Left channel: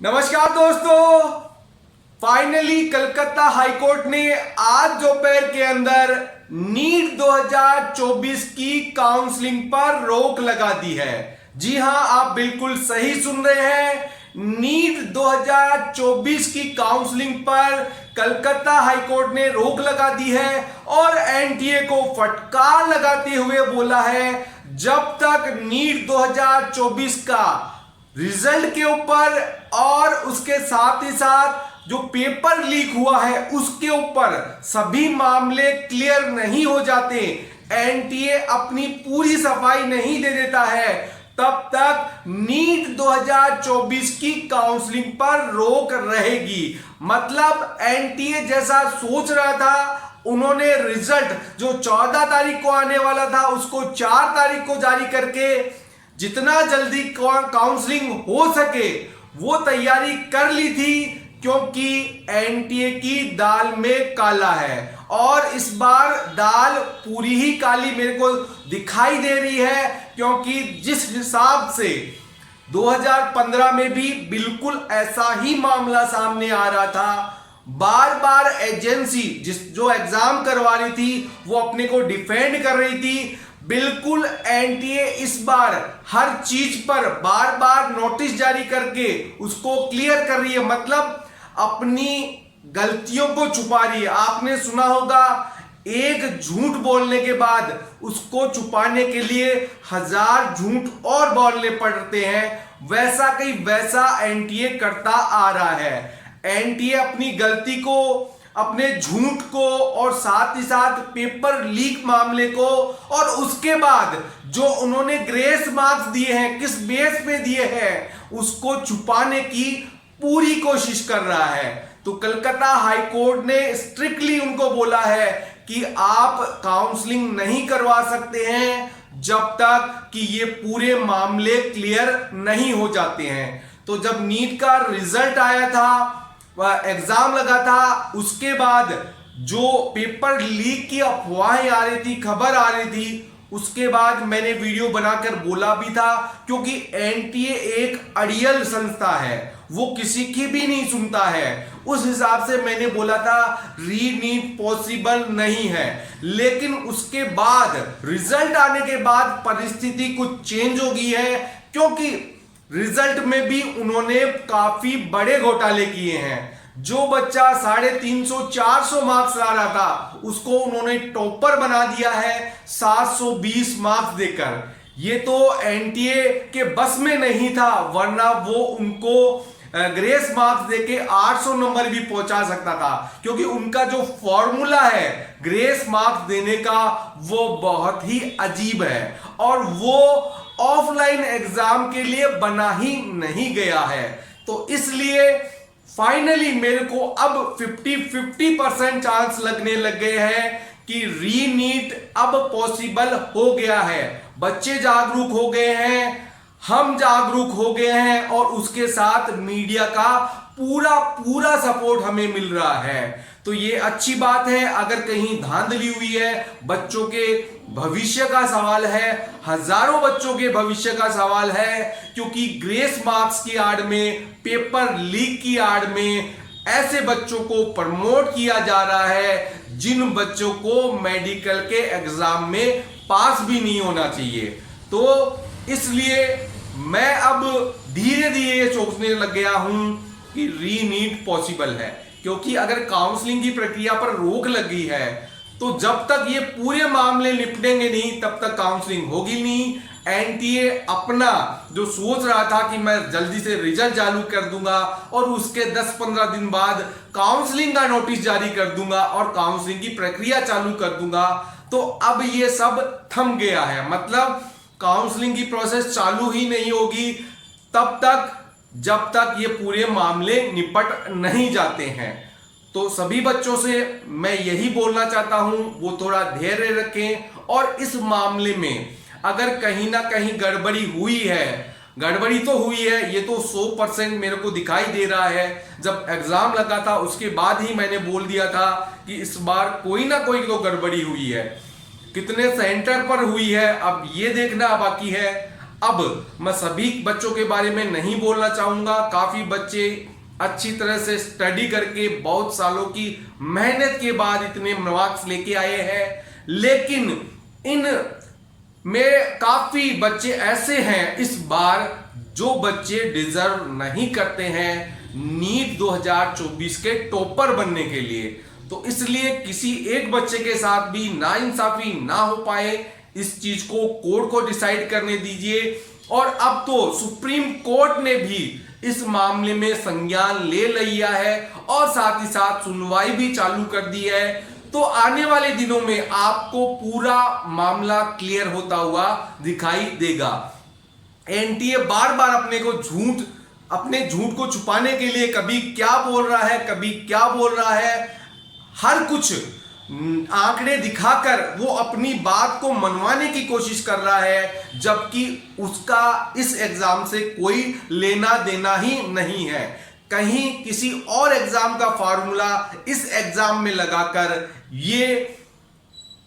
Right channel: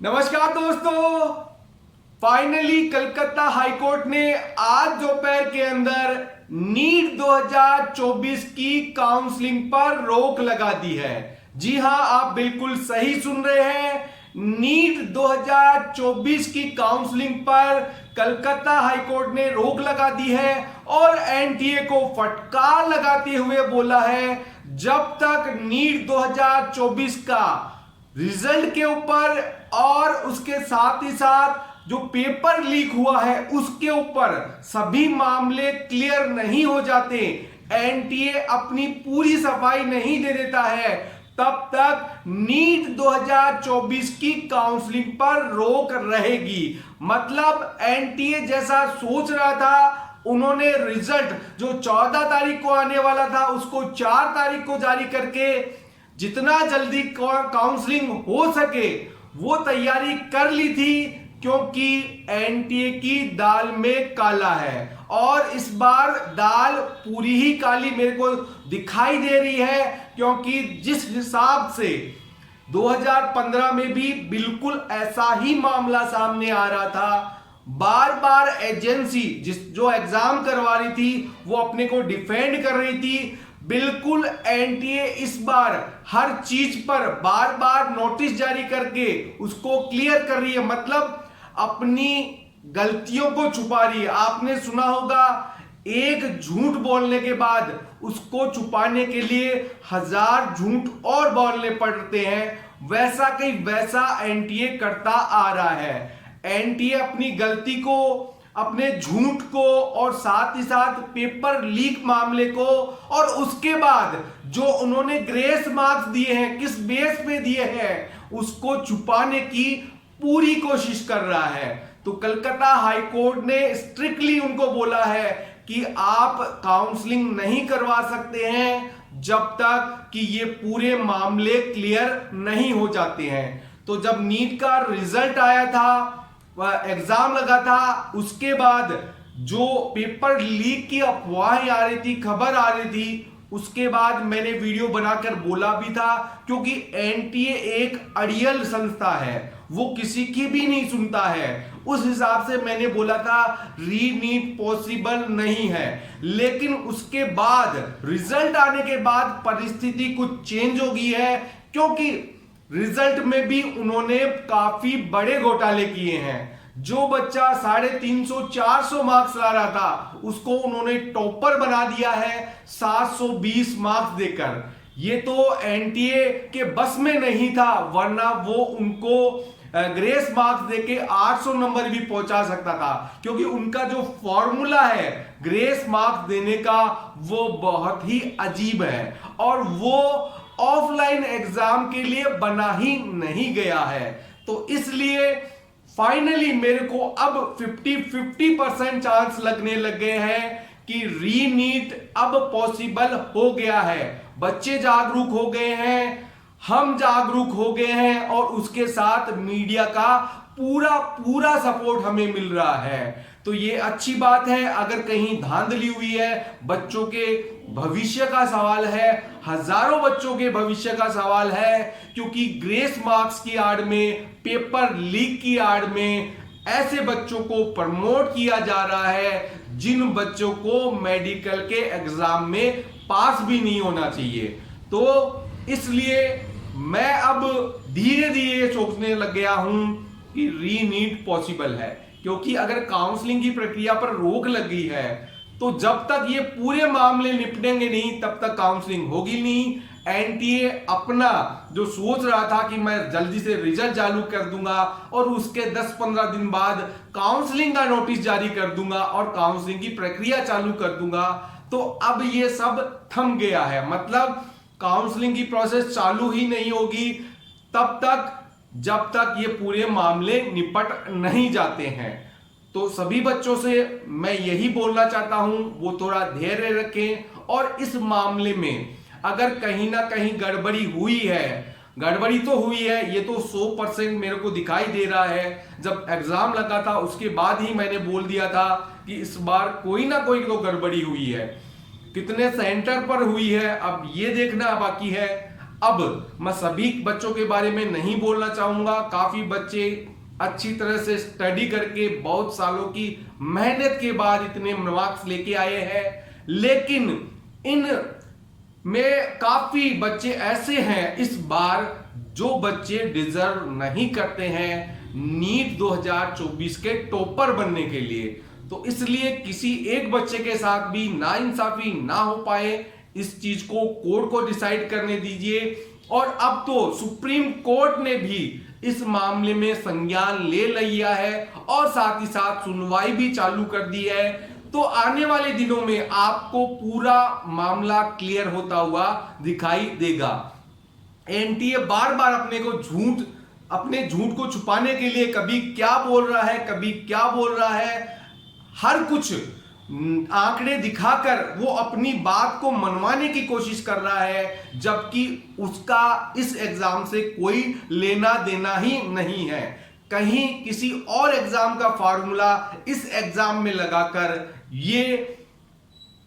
नमस्कार दोस्तों, finally Calcutta high court ने आज दोपहर के अंदर नीट 2024 की काउंसलिंग पर रोक लगा दी है। जी हां, आप बिल्कुल सही सुन रहे हैं। नीट 2024 की काउंसलिंग पर कलकत्ता हाईकोर्ट ने रोक लगा दी है और एनटीए को फटकार लगाते हुए बोला है, जब तक नीट 2024 का रिजल्ट के ऊपर और उसके साथ ही साथ जो पेपर लीक हुआ है उसके ऊपर सभी मामले क्लियर नहीं हो जाते, एनटीए अपनी पूरी सफाई नहीं दे देता है, तब तक नीट 2024 की काउंसलिंग पर रोक रहेगी। मतलब एनटीए जैसा सोच रहा था, उन्होंने रिजल्ट जो 14 तारीख को आने वाला था उसको 4 तारीख को जारी करके जितना जल्दी काउंसलिंग हो सके वो तैयारी कर ली थी, क्योंकि एनटीए की दाल में काला है और इस बार दाल पूरी ही काली मेरे को दिखाई दे रही है। क्योंकि जिस हिसाब से 2015 में भी बिल्कुल ऐसा ही मामला सामने आ रहा था, बार बार एजेंसी जो एग्जाम करवा रही थी वो अपने को डिफेंड कर रही थी, बिल्कुल एनटीए इस बार हर चीज पर बार बार नोटिस जारी करके उसको क्लियर कर रही है। मतलब अपनी गलतियों को छुपा रही है। आपने सुना होगा, एक झूठ बोलने के बाद उसको छुपाने के लिए 1000 झूठ और बोलने पड़ते हैं। वैसा कहीं वैसा एनटीए करता आ रहा है। एनटीए अपनी गलती को, अपने झूठ को और साथ ही साथ पेपर लीक मामले को और उसके बाद जो उन्होंने ग्रेस मार्क्स दिए हैं, किस बेस पे दिए हैं, उसको छुपाने की पूरी कोशिश कर रहा है। तो कलकत्ता हाईकोर्ट ने स्ट्रिक्टली उनको बोला है कि आप काउंसलिंग नहीं करवा सकते हैं जब तक कि ये पूरे मामले क्लियर नहीं हो जाते हैं। तो जब नीट का रिजल्ट आया था, एग्जाम लगा था, उसके बाद जो पेपर लीक की अफवाहें आ रही थी, खबर आ रही थी, उसके बाद मैंने वीडियो बनाकर बोला भी था, क्योंकि एनटीए एक अड़ियल संस्था है, वो किसी की भी नहीं सुनता है। उस हिसाब से मैंने बोला था री नीट पॉसिबल नहीं है। लेकिन उसके बाद रिजल्ट आने के बाद परिस्थिति कुछ चेंज हो गई है, क्योंकि रिजल्ट में भी उन्होंने काफी बड़े घोटाले किए हैं। जो बच्चा 350-400 मार्क्स ला रहा था उसको उन्होंने टॉपर बना दिया है 720 मार्क्स देकर। ये तो एनटीए के बस में नहीं था, वरना वो उनको ग्रेस मार्क्स देके 800 नंबर भी पहुंचा सकता था, क्योंकि उनका जो फॉर्मूला है ग्रेस मार्क्स देने का वो बहुत ही अजीब है और वो ऑफलाइन एग्जाम के लिए बना ही नहीं गया है। तो इसलिए फाइनली मेरे को अब 50-50% चांस लगने लग गए हैं कि री नीट अब पॉसिबल हो गया है। बच्चे जागरूक हो गए हैं, हम जागरूक हो गए हैं और उसके साथ मीडिया का पूरा सपोर्ट हमें मिल रहा है। तो ये अच्छी बात है। अगर कहीं धांधली हुई है, बच्चों के भविष्य का सवाल है, हजारों बच्चों के भविष्य का सवाल है, क्योंकि ग्रेस मार्क्स की आड़ में, पेपर लीक की आड़ में ऐसे बच्चों को प्रमोट किया जा रहा है जिन बच्चों को मेडिकल के एग्जाम में पास भी नहीं होना चाहिए। तो इसलिए मैं अब धीरे धीरे सोचने लग गया हूं कि री नीट पॉसिबल है, क्योंकि अगर काउंसलिंग की प्रक्रिया पर रोक लगी है तो जब तक ये पूरे मामले निपटेंगे नहीं तब तक काउंसलिंग होगी नहीं। एनटीए अपना जो सोच रहा था कि मैं जल्दी से रिजल्ट चालू कर दूंगा और उसके 10-15 दिन बाद काउंसलिंग का नोटिस जारी कर दूंगा और काउंसलिंग की प्रक्रिया चालू कर दूंगा, तो अब ये सब थम गया है। मतलब काउंसलिंग की प्रोसेस चालू ही नहीं होगी तब तक जब तक ये पूरे मामले निपट नहीं जाते हैं। तो सभी बच्चों से मैं यही बोलना चाहता हूं, वो थोड़ा धैर्य रखें और इस मामले में अगर कहीं ना कहीं गड़बड़ी हुई है, गड़बड़ी तो हुई है, ये तो 100% मेरे को दिखाई दे रहा है। जब एग्जाम लगा था उसके बाद ही मैंने बोल दिया था कि इस बार कोई ना कोई तो गड़बड़ी हुई है। कितने सेंटर पर हुई है अब ये देखना बाकी है। अब मैं सभी बच्चों के बारे में नहीं बोलना चाहूंगा, काफी बच्चे अच्छी तरह से स्टडी करके बहुत सालों की मेहनत के बाद इतने मार्क्स लेके आए हैं, लेकिन इन में काफी बच्चे ऐसे हैं इस बार जो बच्चे डिजर्व नहीं करते हैं नीट 2024 के टॉपर बनने के लिए। तो इसलिए किसी एक बच्चे के साथ भी नाइंसाफी ना हो पाए, इस चीज को कोर्ट को डिसाइड करने दीजिए। और अब तो सुप्रीम कोर्ट ने भी इस मामले में संज्ञान ले लिया है और साथ ही साथ सुनवाई भी चालू कर दी है। तो आने वाले दिनों में आपको पूरा मामला क्लियर होता हुआ दिखाई देगा। एनटीए बार बार अपने झूठ को छुपाने के लिए कभी क्या बोल रहा है, कभी क्या बोल रहा है, हर कुछ आंकड़े दिखाकर वो अपनी बात को मनवाने की कोशिश कर रहा है, जबकि उसका इस एग्जाम से कोई लेना देना ही नहीं है। कहीं किसी और एग्जाम का फार्मूला इस एग्जाम में लगाकर ये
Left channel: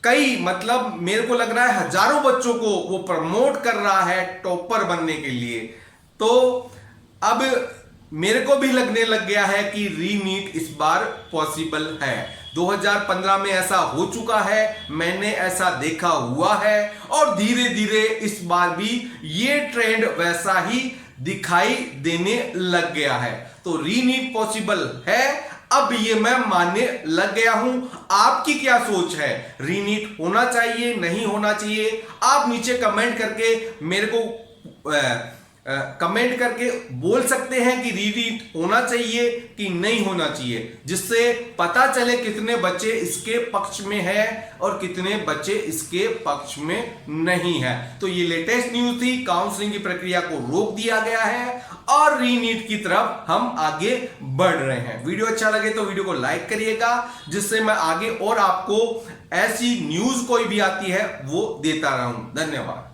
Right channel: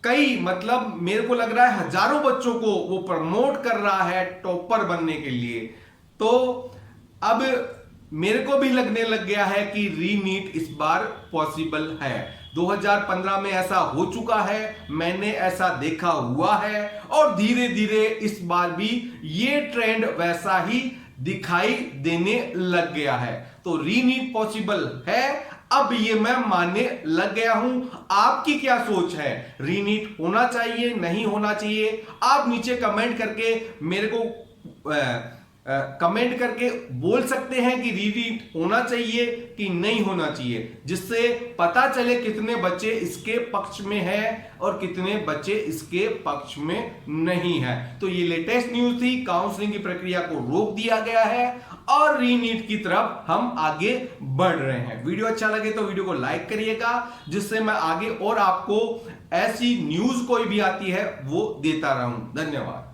मेरे को लग रहा है हजारों बच्चों को वो प्रमोट कर रहा है टॉपर बनने के लिए। तो अब मेरे को भी लगने लग गया है कि रीनीट इस बार पॉसिबल है। 2015 में ऐसा हो चुका है, मैंने ऐसा देखा हुआ है, और धीरे धीरे इस बार भी ये ट्रेंड वैसा ही दिखाई देने लग गया है। तो रीनीट पॉसिबल है, अब ये मैं मानने लग गया हूं। आपकी क्या सोच है? रीनीट होना चाहिए, नहीं होना चाहिए? आप नीचे कमेंट करके मेरे को कमेंट करके बोल सकते हैं कि रीनीट होना चाहिए कि नहीं होना चाहिए, जिससे पता चले कितने बच्चे इसके पक्ष में हैं और कितने बच्चे इसके पक्ष में नहीं है। तो ये लेटेस्ट न्यूज थी, काउंसलिंग की प्रक्रिया को रोक दिया गया है और रीनीट की तरफ हम आगे बढ़ रहे हैं। वीडियो अच्छा लगे तो वीडियो को लाइक करिएगा, जिससे मैं आगे और आपको ऐसी न्यूज कोई भी आती है वो देता रहूं। धन्यवाद।